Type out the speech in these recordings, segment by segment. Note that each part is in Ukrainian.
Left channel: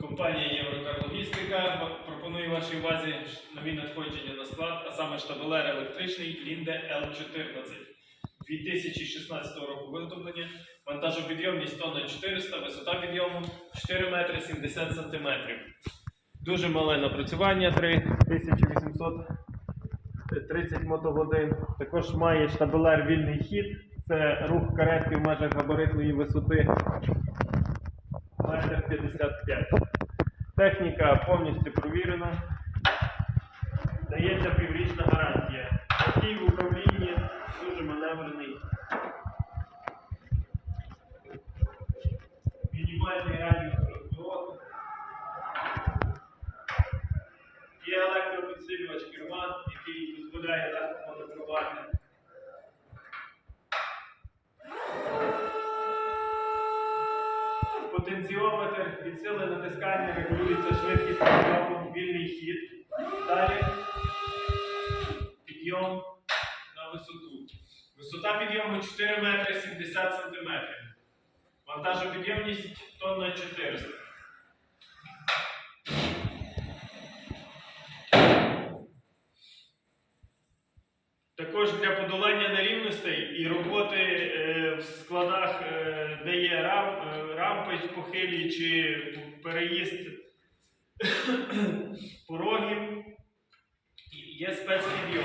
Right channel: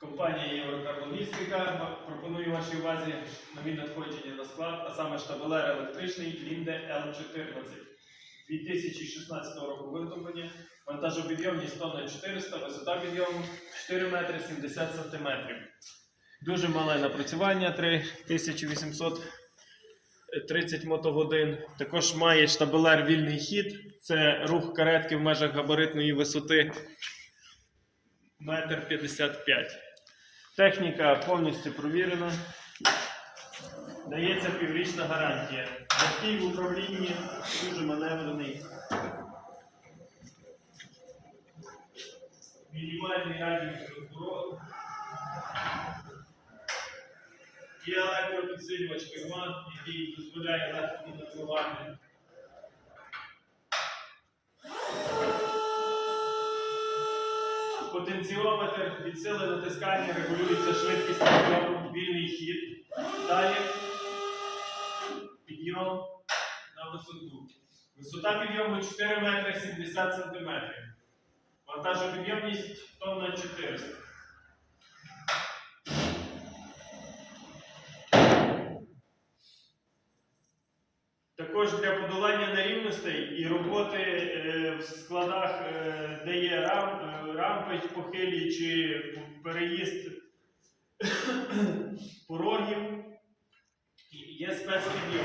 Компанія Єврокарлогістика пропонує вашій увазі нові надходження на склад, а саме штабелер електричний Лінде L14 2016 року виготовлення, вантажопідйомність тонна 400, висота підйому 4 метри 70 сантиметрів. Дуже мале напрацювання 3830 мотогодин. Також має штабелер вільний хід. Це рух каретки в межах габаритної висоти метр 55. Техніка повністю провірена. Дається піврічна гарантія. Такий в управлінні дуже маневрений. Мінімальний радіус розвороту. Є електропідсилювач керма, який дозволяє легко маневрувати. Потенціометр від сили натискання регулюється швидкість підйому, вільний хід. Далі підйом на висоту. Висота підйому 4 метри 70 сантиметрів. Вантажопідйомність тонна 400. Також для подолання нерівностей і роботи е, в складах, е, де є рам, е, рампи похилі чи переїзд порогів, є спецпідйом.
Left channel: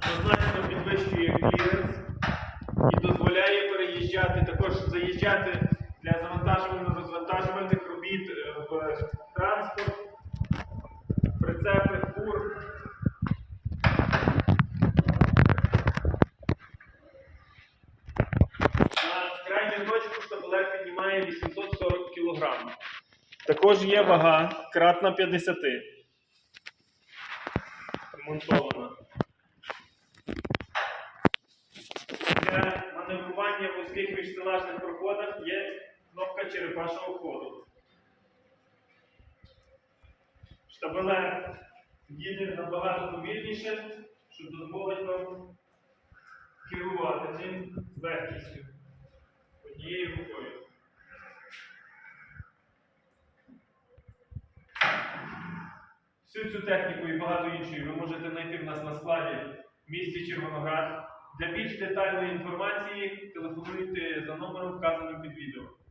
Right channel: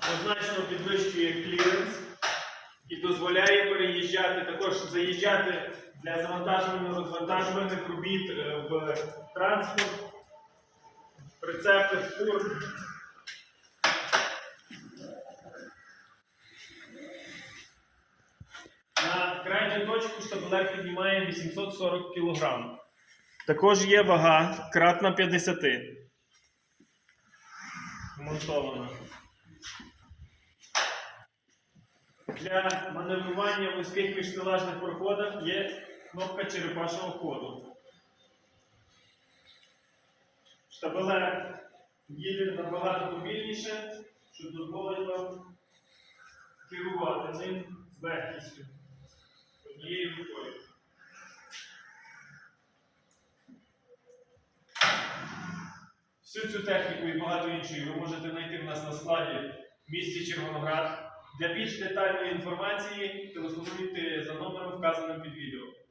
Позначено підвищує кліренс і дозволяє переїжджати, також заїжджати для завантажувально-розвантажувальних робіт в транспорт, прицепи, фур. На точку штабелер піднімає 840 кг. Також є вага кратна 50. Монтована. Для маневрування в вузьких міжстелажних проходах є кнопка черепашого ходу. Штабелер їде набагато повільніше, що дозволить вам керувати ним з легкістю однією рукою. Всю цю техніку і багато іншої ви можете знайти в нас на складі в місті Червоноград. Для більш детальної інформації телефонуйте за номером, вказаним під відео.